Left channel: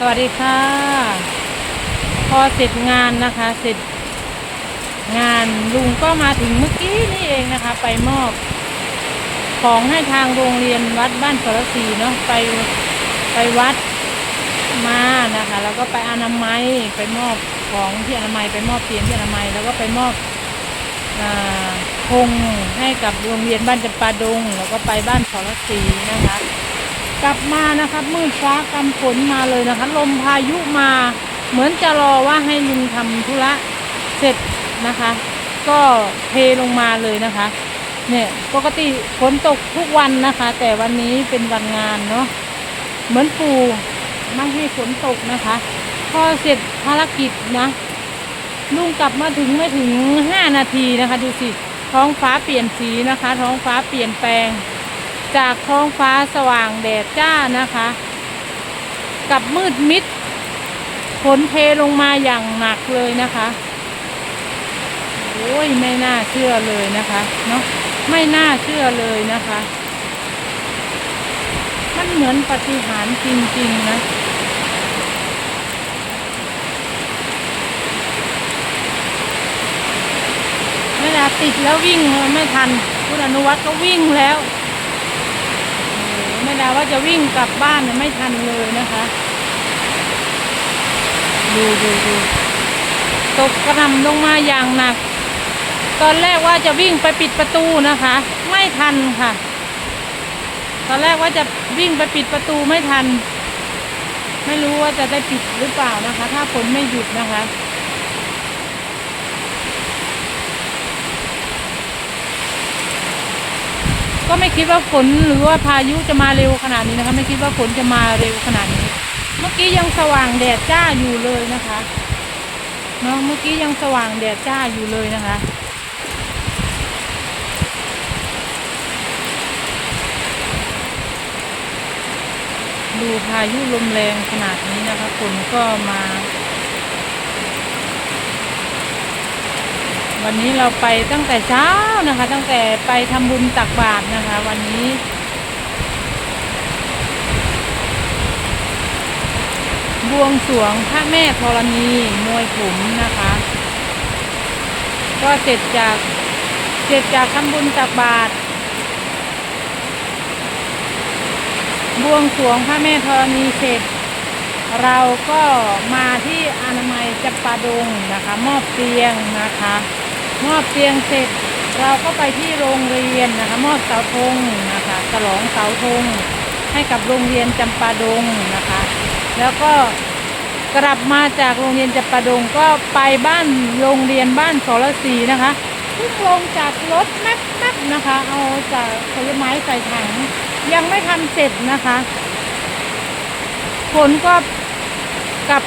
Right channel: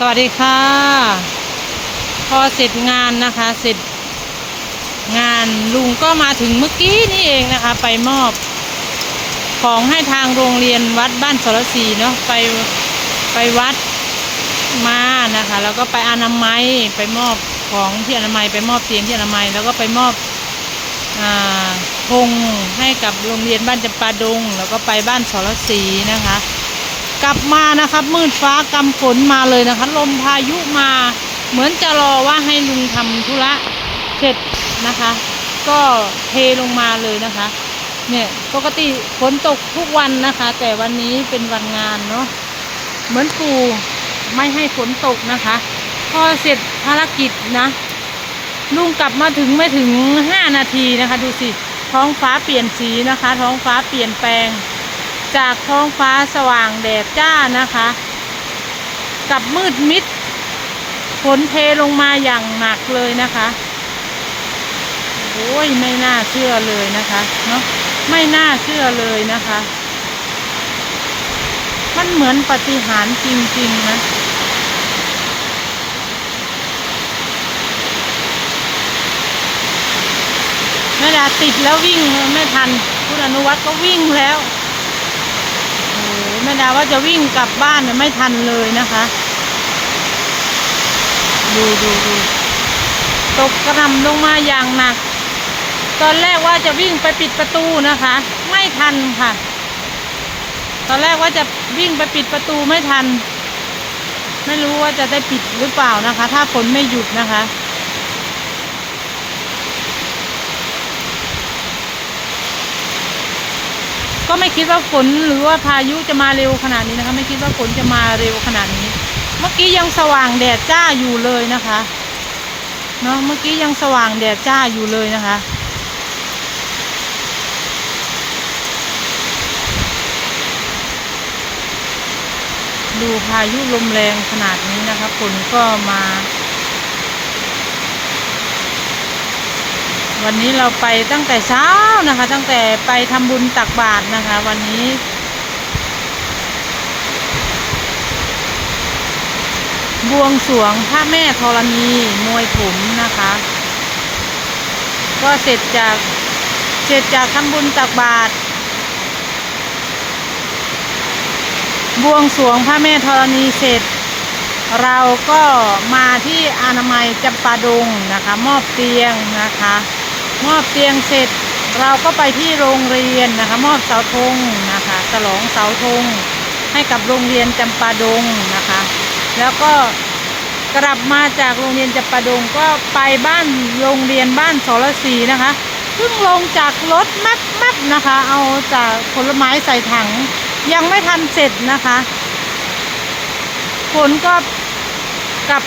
สวัสดีค่ะ พอเสร็จงานนะคะ เสร็จงานลุงก็มาถึงเมื่อกี้นี่เองนะคะ ไปมอบ ของให้ทางโรงเรียนวัดบ้านสรศรีเนาะไปไปวัดมานะคะ แล้วก็ไปอนามัยไปมอบของที่อนามัย ไปมอบเตียงที่อนามัย แล้วก็ไปมอบอาธงให้กับโรงเรียนบ้านจำปาดง แล้วก็ไปบ้านสรศรีนะคะ กลับมานะครับมืดฟ้ากำฝนมาเลยนะคะลมพายุมาเหมือนจะรอว่าให้ลุงทำธุระเสร็จนะคะ ก็เทลงมาเลยนะคะเนี่ยปกติฝนตกทุกวันนะคะ แต่วันนี้เป็นวันงานเนาะเหมือนปู่ไม่ให้ฝนตกนะคะ พอเสร็จภารกิจนะลุงกลับมาถึงไม่ถึงห้านาทีนะคะ ดูสิท้องฟ้าเปลี่ยนสีนะคะ ท้องฟ้าเปลี่ยนแปลง จากท้องฟ้าสว่างแดดจ้านะคะ กับมืดมิดฝนเทลงมาอย่างหนักเลยนะคะโอ้ยไม่น่าเชื่อเลยนะคะเนาะไม่น่าเชื่อเลยนะคะ มันเหมือนปฏิหารจริง ๆ นะแม่ดาติดแล้ววิ่งไม่ทัน คุณอนุวัฒน์ก็วิ่งแล้ว ดาว่าจะวิ่งกลับบ้านเนี่ยไม่ทันเลยนะคะ ดูดูดูตกกระนำลงมาอย่างหนัก ตอนแรกว่าจะวิ่งไปปิดประตูนะคะ ไม่ทันค่ะ ตอนแรกว่าจะวิ่งไปปิดประตูไม่ทัน ไม่รู้ว่าจะได้ปิดหรือเปล่านะคะ ถ้าฝนไม่หยุดนะคะ ก็ไม่คิดว่าฝนหรือว่าพายุจะมาเร็วขนาดนี้นะคะ ไม่คิดว่าฝนจะมาเร็วขนาดนี้ เมื่อกี้ยังสว่างแดดจ้าอยู่เลยนะคะเนาะเมื่อกี้ยังสว่างแดดจ้าอยู่เลยนะคะดูพายุลมแรงขนาดนี้นะคะฝนก็มา วันนี้เราไปตั้งแต่เช้านะคะ ตั้งแต่ไปทำบุญตักบาตรนะคะ วันนี้ บวงสรวงพระแม่ธรณีมวยผมนะคะ ก็เสร็จจากเสร็จจากทำบุญตักบาตรบวงสรวงพระแม่ธรณีเสร็จ เราก็มาที่อนามัยจำปาดงนะคะ มอบเตียงนะคะ มอบเตียงเสร็จ เราก็ไปที่โรงเรียนนะคะ มอบเสาธงนะคะฉลองเสาธงให้กับโรงเรียนจำปาดงนะคะ แล้วก็กลับมาจากโรงเรียนจำปาดงก็ไปบ้านโรงเรียนบ้านสรศรีนะคะเพิ่งลงจากรถแมบแมบนะคะ เอาจากผลไม้ใส่ถัง ยังไม่ทันเสร็จนะคะฝนก็กลับ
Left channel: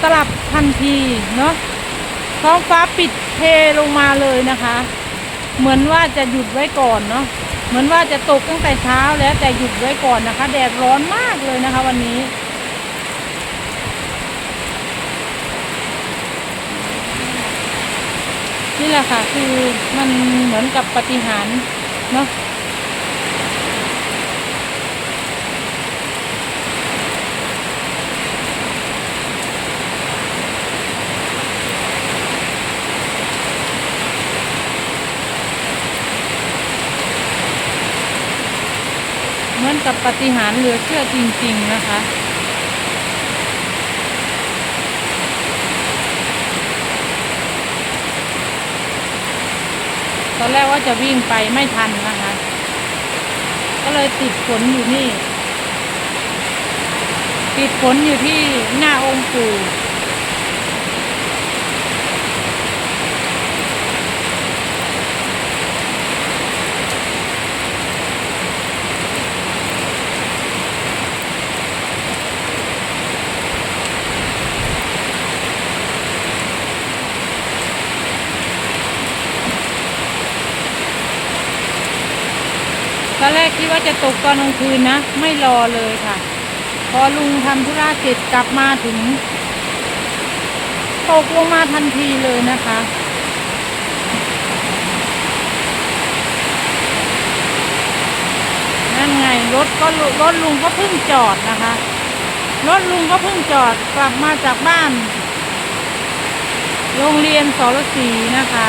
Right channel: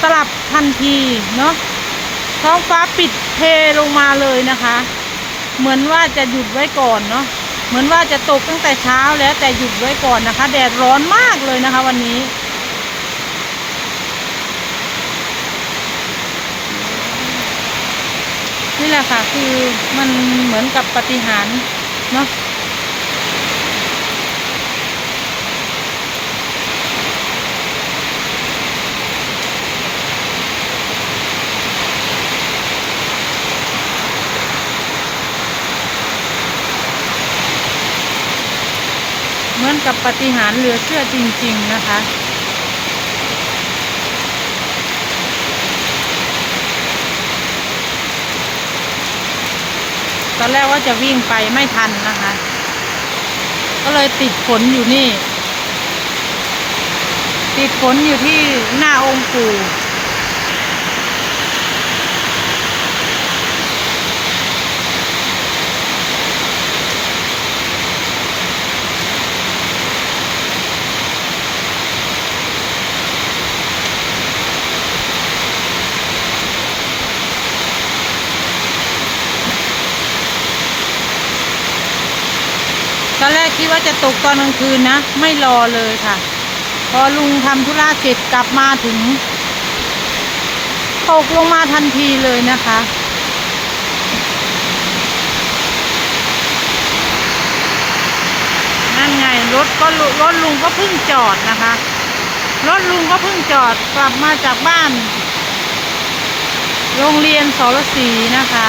สลับทันทีเนาะ ท้องฟ้าปิดเทลงมาเลยนะคะ เหมือนว่าจะหยุดไว้ก่อนเนาะเหมือนว่าจะตกตั้งแต่เช้าแล้วแต่หยุดไว้ก่อนนะคะ แดดร้อนมากเลยนะคะ วันนี้ นี่แหละค่ะคือมันเหมือนกับปฏิหารเนาะ มือนกับปฏิหารเหลือเชื่อจริง ๆนะคะ ตอนแรกว่าจะวิ่งไปไม่ทันนะคะ ก็เลยติดฝนอยู่นี่ ติดฝนอยู่ที่หน้าองค์ปู่ อนแรกคิดว่าจะตกตอนกลางคืนนะ ไม่รอเลยค่ะ พอลุงทำธุระเสร็จกลับมาถึง ตกลงมาทันทีเลยนะคะนั่นไงรถก็รถลุงก็เพิ่งจอดนะคะ รถลุงก็เพิ่งจอดกลับมาจากบ้าน โรงเรียนสรศรีนะคะ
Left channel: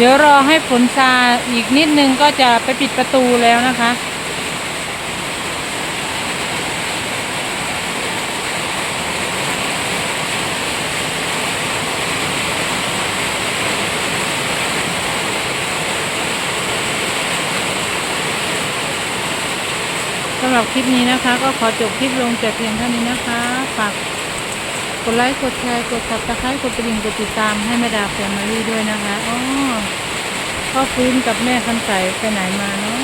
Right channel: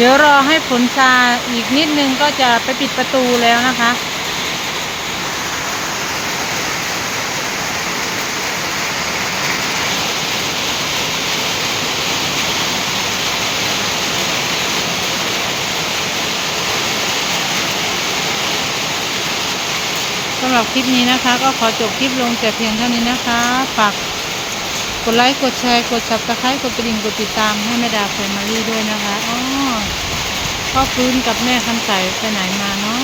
เดี๋ยวรอให้ฝนซาอีกนิดนึงก็จะไปปิดประตูแล้วนะคะ สำหรับคลิปนี้นะคะ ก็ขอจบคลิปลงแต่เพียงเท่านี้นะคะฝาก กดไลค์ กดแชร์ กดสับตะไคร้กดกระดิ่ง กดติดตามให้แม่ดาแฟมิลี่ด้วยนะคะ อ๋อพ่อฟื้นกับแม่คำใสไปไหนมาเนาะ